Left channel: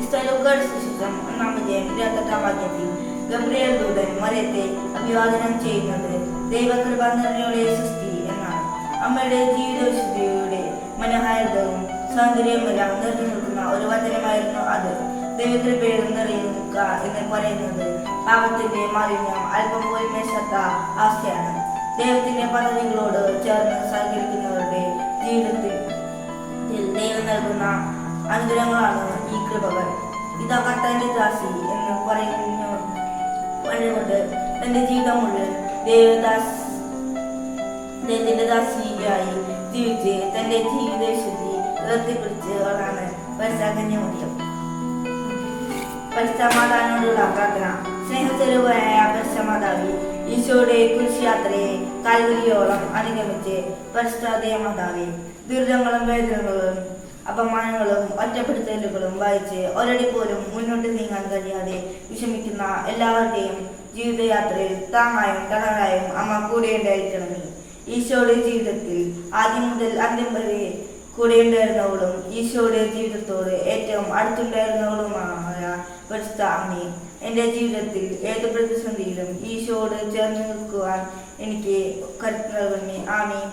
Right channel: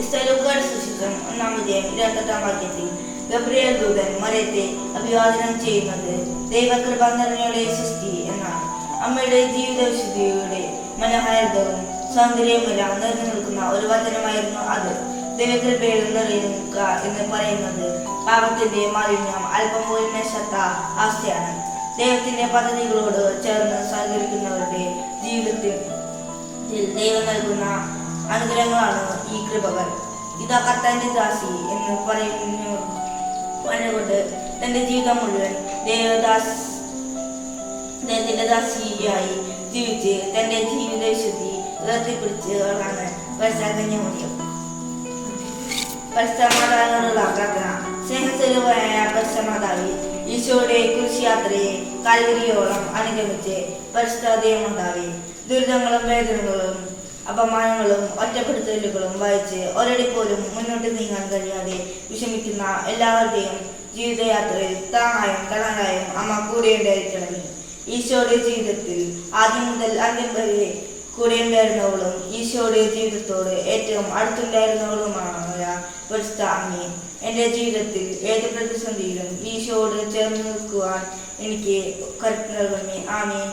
ഇസ്രായേലുകാരുടെ സുവിശേഷം 1-ാം വാക്യത്തിൽ ഗബ്രിയേൽ ദൂതൻ മറിയത്തെ അഭിവാദനം ചെയ്യുന്നത് ദൈവകൃപ നിറഞ്ഞവളെ സൃഷ്ടി എന്നാണ്. അമ്മയുടെ ജീവിത വിശുദ്ധിയുടെ മനോഹാരിതവും സൗന്ദര്യവുമെല്ലാം നിറഞ്ഞു നിൽക്കുന്ന ഒരു വചനമായിരുന്നു അത്. ദൈവകൃപയിൽ നിറയുക എന്ന് പറയുന്നത് പാപത്തിന്റെ മാലിന്യം അല്പം പോലും മേശാത്ത അവസ്ഥയാണ്. ദൈവത്തിന്റെ പദ്ധതികളോട് ചേർന്ന് സഹകരിക്കുന്നവരുടെ ജീവിതത്തിൽ ദൈവം നൽകുന്ന അനുഗ്രഹങ്ങളാണ് ഈ കൃപകൾ. ഇതാ കർത്താവിന്റെ ദാസി എന്ന് പറഞ്ഞുകൊണ്ട് തന്റെ ജീവിതം മുഴുവൻ ദൈവത്തിന്റെ ദാസിയായി ജീവിച്ച് തന്റെ ജീവിത വിശുദ്ധി ഉയർത്തിപ്പിടിച്ചവളാണ് പരിശുദ്ധ പരിശുദ്ധമാതാവിനോടുള്ള പ്രാർത്ഥന. സ്നേഹസ്വരൂപമായ പരിശുദ്ധമാതാവേ, ഈശോയുടെ കുരിശുയാത്രയെ കാൽവരിയോളം അനുഗമിച്ച് പരിശുദ്ധ ദൈവമാതാവേ, ദുരിതങ്ങളും വേദനകളും അപമാനങ്ങളും ഒറ്റപ്പെടുത്തലുകളും വായിച്ച് ഒരടി പോലും മുന്നോട്ട് നീങ്ങാൻ കഴിയാതെ വിഷമിക്കുന്ന എല്ലാവരുടെയും ജീവിതയാത്രയിൽ താങ്ങായും തണലായും അമ്മ കൂടെയുണ്ടായിരിക്കണമേ. ഈശോയുടെ ജീവിതത്തിൽ ആദ്യം മുതൽ അന്ത്യം വരെ കൂടെയുണ്ടായിരുന്നവളും ഈശോയുടെ ജീവിതത്തോട് ഏറ്റവും അടുത്തുണ്ടായിരുന്നവളുമായ പരിശുദ്ധ അമ്മേ, എൻ്റെ ജീവിതത്തിൽ ഏത് പ്രതിസന്ധിയിലും ഈശോയോട് ചേർന്ന് നിൽക്കുവാൻ എനിക്ക് കരുത്ത് നൽകണമേ. ആമേൻ.